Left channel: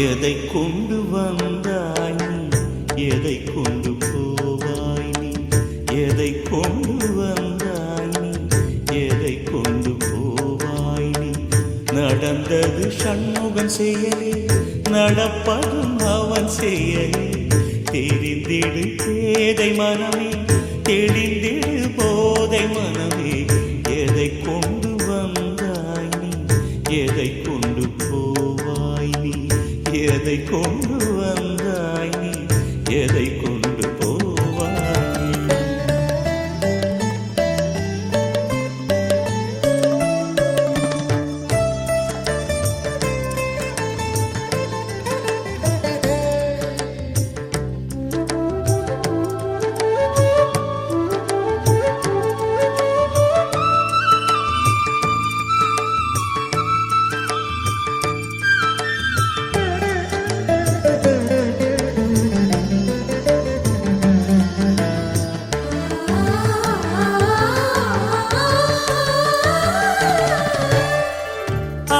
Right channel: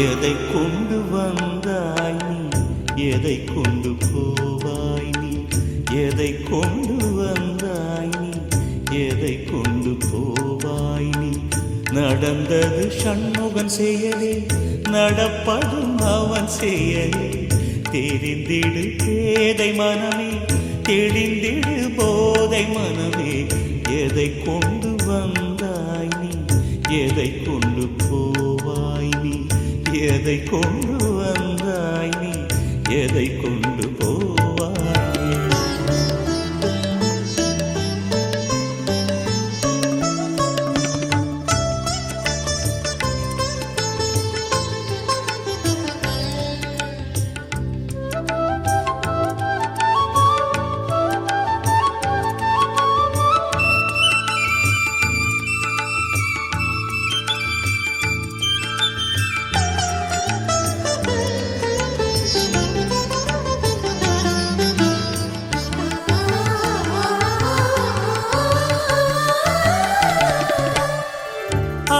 எதை கொண்டு வந்தாய் நீ, எதை கொண்டு போவாய் நீ, எதை கொண்டு வந்தாய் நீ, எதை கொண்டு போவாய் நீ. நடந்தது சண்முகன் செயலே, நடப்பதும் அவன் செயலே. தெரிந்திடு பேதை மனமே, தெளிந்திடு போதை மனமே. எதை கொண்டு வந்தாய் நீ, எதை கொண்டு போவாய் நீ, எதை கொண்டு வந்தாய் நீ, எதை கொண்டு போவாய் நீ.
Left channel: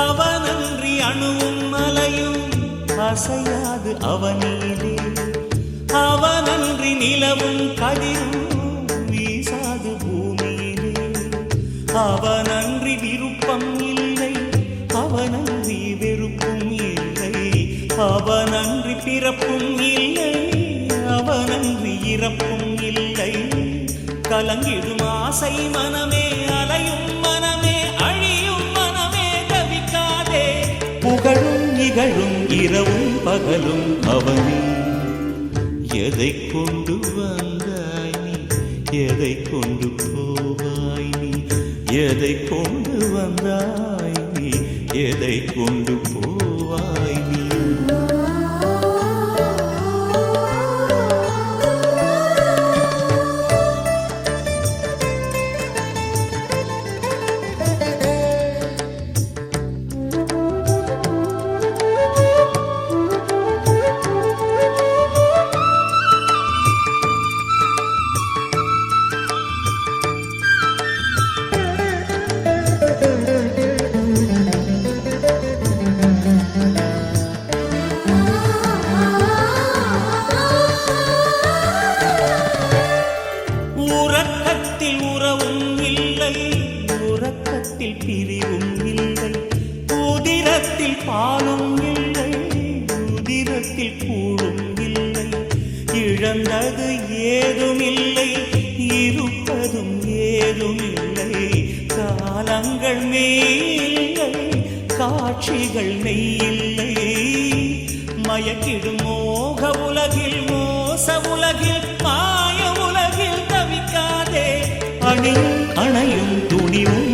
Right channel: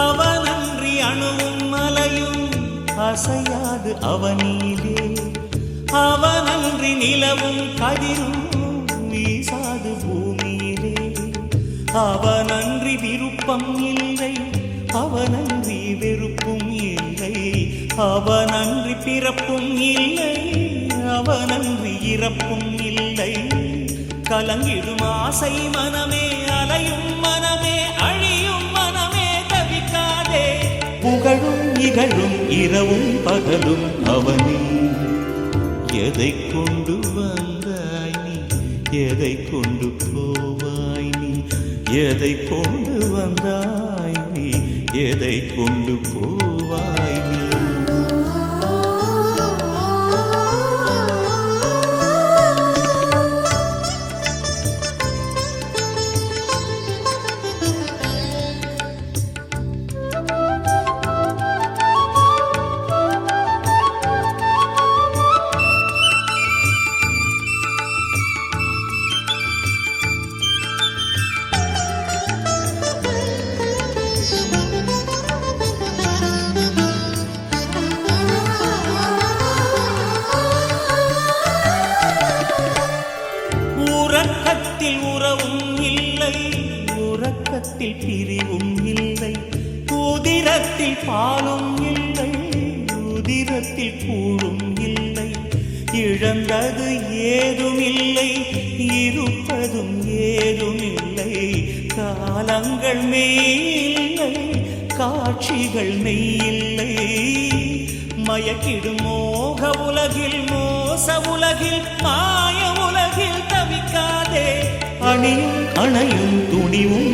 அவனன்றி அணுவும் மலையும் அசையாது அவனிலே, அவனன்றி நிலவும் கதிரும் வீசாது பூமியிலே. அவனன்றி விருப்பம் இல்லை, அவனன்றி வெறுப்பும் இல்லை. அவனன்றி பிறப்பும் இல்லை, அவனன்றி இறப்பும் இல்லை. கலங்கிடும் ஆசை மனமே, அலையும் மனமே, அழியும் மனமே, தவிக்காதே. புகழும் இகழும் இரவும் பகலும் அவனே. எதை கொண்டு வந்தாய் நீ, எதை கொண்டு போவாய் நீ, எதை கொண்டு வந்தாய் நீ, எதை கொண்டு போவாய் நீ. உறக்கத்தில் உறவும் இல்லை, உறக்கத்தில் பிரிவும் இல்லை. உதிரத்தில் பாலும் இல்லை, உதிரத்தில் கூழும் இல்லை. இழந்தது ஏதும் இல்லை, இருப்பதும் ஏதும் இல்லை. காலங்கள் மெய்யில்லை, காட்சிகள் மெய்யில்லை. மயக்கிடும் மோக உலகில், மோச உலகில், மாய உலகில் தவிக்காதே. அணியும் அணையும் துணிவும்